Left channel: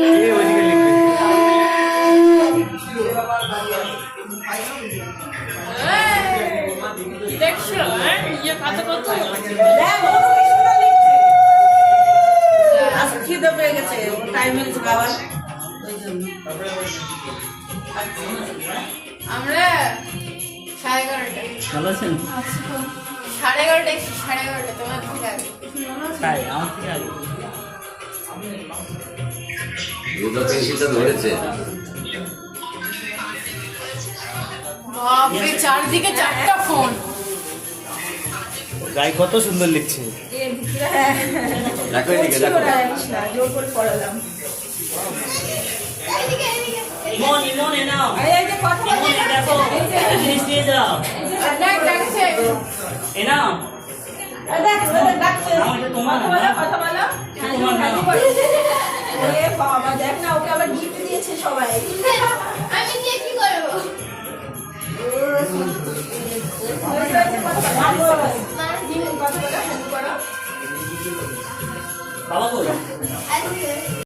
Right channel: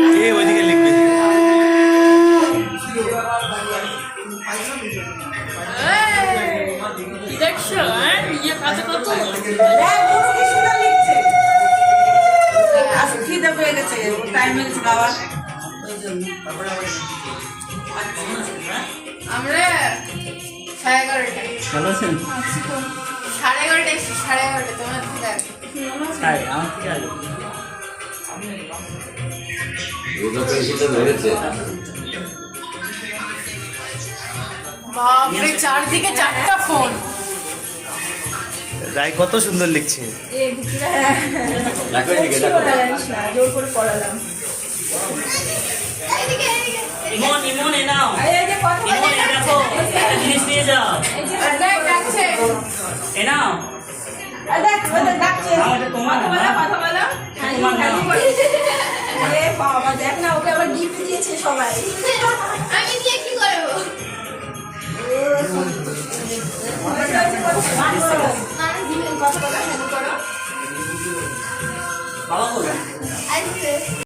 এই ওইদিকে লিখবে। দেখছো ইয়ে কাছে কত খিদে পেয়ে গেছে, টাইম হয়েছে খাওয়ার, ওই জন্য। আমরা 11:30 ভালো আছেন? 11:30 11:30 তোমার থেকে আগে। তাই আমার থেকে আগে। বাপরে চারদিকে চারটা ফোন। রায় কত সুন্দর লিখছে। জোর করে পড়ালাম। ইমন ইমন এ নাও, এই যে কথা বলে দেখো জিনিস নিয়ে যাও, দেখ ডাকছে এ নাও। দেখ ওদের ডাকছে, আমাদের তোমার কথা বলো, কথা বলো। তোমার নাও। এ বাবা দেখ না, ওকে আবার গিফট দিয়েছে সবাই। আমি দিয়ে কি করব? না দিবেন কথা বলা শুরু করো। বাবা বলো। আজকে